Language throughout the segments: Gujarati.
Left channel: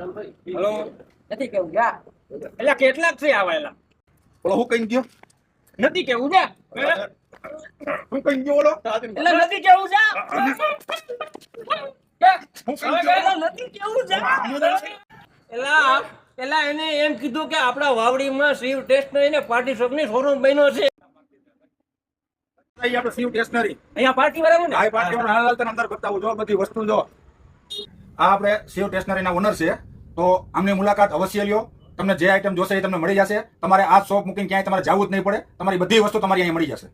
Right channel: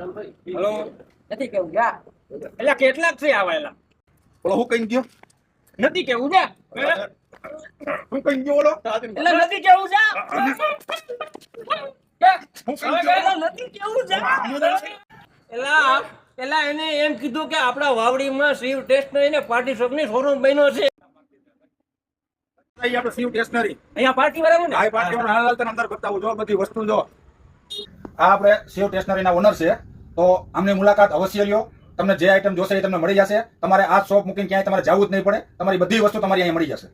હેલો નથી કેવું જા એટલે કેટલાક છે આવેલા બોલો હું કઈ ગયો નથી કેવું જા હું કઈ ગયો બોલો એટલે નથી કેવું જા નથી કેવું જા એલા એને એમ કીધું કે આપણા વાવડીમાં શિવ ટેસ્ટનરી ને પાર્ટી શોપ ની શોરૂમ બન્યો છે. આપણે શિવ સ્ટેશનરી અહીંયા પાર્ટી બરાબર ને આ પાર્ટી હાલ તને અંદર બતાવું જો બધી વસ્તુ જો આ આપણે શિવ સ્ટેશનરી ના ઓનર છે તો આમની મુલાકાત અવશ્ય લ્યો. તમને જે આઈટમ જોશે એ તમને મળી જશે. તમારે આ શોપ મૂકીને ક્યાંય તમારે જવું જ નહીં પડે. તમારી બધી વસ્તુ તમારી અહીંયા મળી જશે.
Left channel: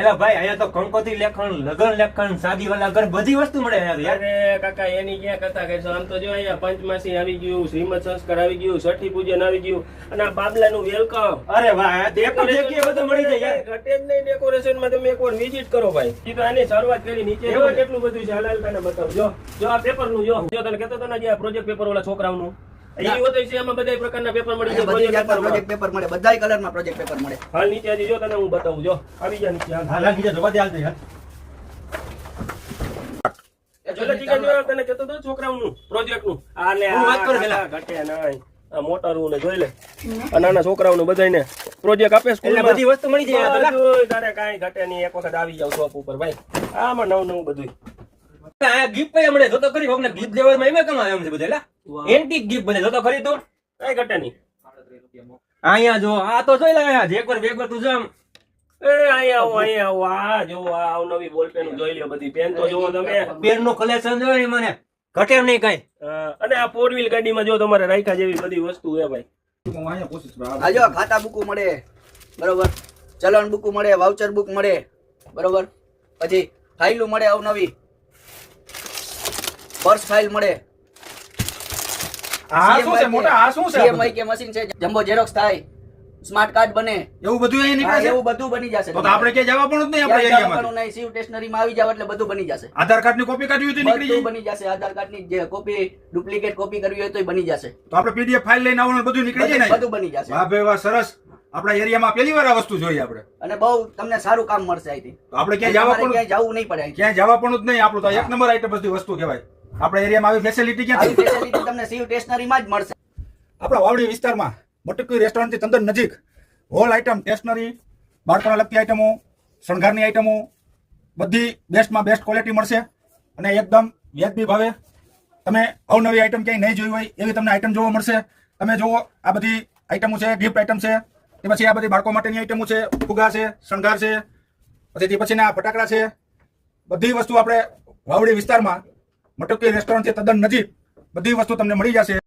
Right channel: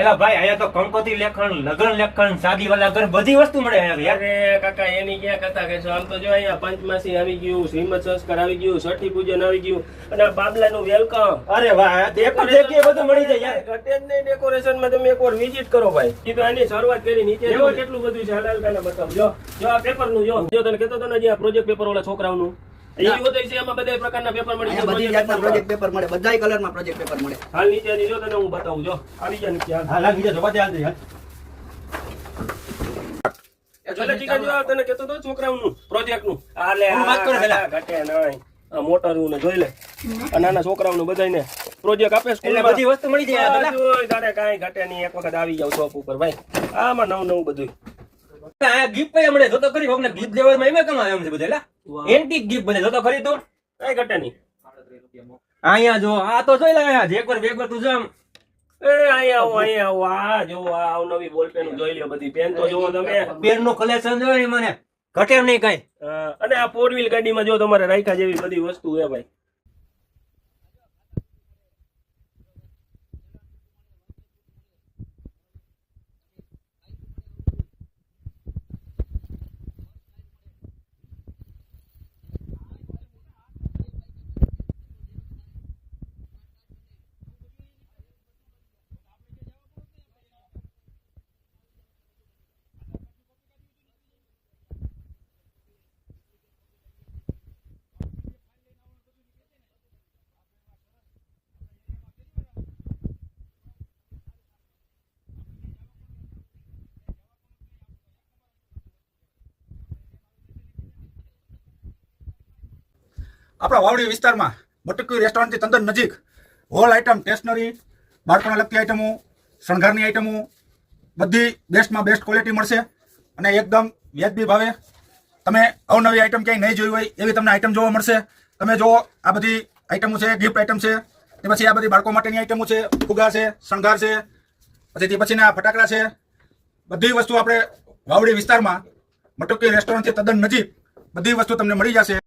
એલા ભાઈ અહીંયા તો કંકોત્રી લેખન લગન લેખન સાદી વાલા ઘર બધી વસ્તુ મળે અહીંયા યાર. અરે કાકા એની ક્યાં કથા કહેશો. આમ તો જો અહીંયા પંચમાસી આવી ગયું, શ્રીમદ સંસ્કાર આવી ગયું, છઠ્ઠી પૂજન આવી ગયું અને આ બાબલાનું વેલકમ. અરે વાહ એક જ જગ્યાએ બધું મળી જાય યાર. ઘટે જ નહીં ડેકોરેશન માં. તમે એકવાર વિઝિટ કરો ભાઈ. એ તો એની શરૂઆત કરી નીચે જો કેટલું બધું છે. હલાલ કાને બતાવ જો આ પેપર નું જો તને કહેતો હતો ને જે આ પ્રોજેક્ટ પેપર વાળા છોકરાઓનું એ બધું છે. એમાં બધા પ્રકારના પેપર મળી જાય. બધી જાતના પ્રોજેક્ટ પેપર મળે, બધાય કલરમાં પ્રોજેક્ટ પેપર મળે. હાલ નીચે આવી જો તને હું બતાવું જો આવી જા નીચે હાલ. હાલ બીજા જોવા દે હાલ યાર. એટલે ટીકા જો તને કહેતો હતો છોકરાઓનું પ્રોજેક્ટ નું. આ લે હું વાત કરું પેલા. ઘટે નહીં. આ મોટરું ને જોઈ લે. આ નાના છોકરાઓનું બધાયને પ્રોજેક્ટ આપે એટલે સ્કૂલમાં. બધી વસ્તુ મળી જાય પેલા. જોઈ તારે કાંઈ ઘટે નહીં. એક વખત આવી જાવ શોપ ઉપર ભાઈ. આમાં નવું બધું. આ ગિફ્ટ પે મળે જો તો કરી કોકને ગિફ્ટ દેવામાં એમાં કમાય એમ છે બધા એલા. એન્ટિક ગિફ્ટ બને જો તો ખરી તો કઈ ઘટે નહીં. અહીંયા જો આ તો જોઈ લે અહીંયા જેકવાર બેકવાર તું જામ એ અહીંયા આવો આ જો આ નવી બોલ પેન જોઈ લ્યો. બધી પેન તો જોવો તમે. પેન નું કલેક્શન જોઈ ને મને ઘટે નહીં કઈ. અને આ 4 વ્હીલ ગાડીમાં જો તમારે રાખ્યા જેવી બધી વસ્તુ છે ભાઈ. હું અહીંયા પૂછીશ બરાબર. આ જો ખાતા બુક મળે, બરોબર, ચલણ બુક મળે, વાઉચર બુક મળે, બરોબર, પછી ફાઇલો મળે અવનવી, પર્સ ફાઇલ મળે, આ શું છે મોટા? આ શું છે? CMYK કે મશીન છે, જમ્બો ઝેરોક્સ થાય, સ્માર્ટ કાર્ડ બને, એવું બધું અહીંયા નીકળે છે? એવું બધું બની જશે. તો આપણે ક્યાં જવા પણ જ નહીં આપણા ક્યાંય એરિયામાં. જવાનું નહીં. શિવ સ્ટેશનરી માં આવી જાવ એટલે બધું બની જશે. આધાર કાર્ડ ની કોપી કાઢવી હોય તો નીકળી બધું જાય. બની જશે. આધાર કાર્ડ ની જે કોપી, ડુપ્લિકેટ કોપી કરવી હોય તો બની જશે. તો આપણે પીડીએફ ફાઇલ લઈને આવવાનું બધું નીકળી જાય ને. બધું બની જશે. વાહ ભાઈ વાહ, સરસ. આપણા એરિયામાં પહેલી વાર આ વસ્તુ જોઈ આપણે. અને બહુ તમને સારું કામ મળશે અહીંથી. તો આપણે ક્યાં જવા પણ ક્યાંય જવું નહીં પડે અહીંથી. ક્યાં જવા પણ જ નહીં. આપણું તો એક નંબર આઈટમ બધી વસ્તુ કહેવાય. આપણા એરિયામાં આવી ફેસિલિટી ક્યાં આવી ફેસિલિટી તમને શિવ સ્ટેશનરી માં જ મળશે. આપણા વાવડી વિસ્તારમાં મટકી રેસ્ટોરન્ટથી તદ્દન નજીક હોલ આઈટમ, સ્ટેશનરી, બાળકોને લગતી આઈટમો, શણગારની આઈટમો બધી બેસ્ટમાં બેસ્ટ ક્વોલિટી મળશે અને એકદમ વ્યાજબી ભાવે. તમે અવનવી આઈટમ ક્યાંય નહીં જોઈ હોય એવી તમને આઈટમ જોવા મળશે. તમે જુઓ આ બધી આઈટમો છે, ગિફ્ટ આઈટમ છે, તે પછી આ બધી બાળકો માટેની આઈટમો છે, ફુગા છે, શણગાર છે, પછી તે પછીના ફટાકડા છે. બધી વસ્તુ આપણે વાવડી વિસ્તારમાં મટકી રેસ્ટોરન્ટથી તદ્દન નજીક બધી વસ્તુ તમને મળી જશે.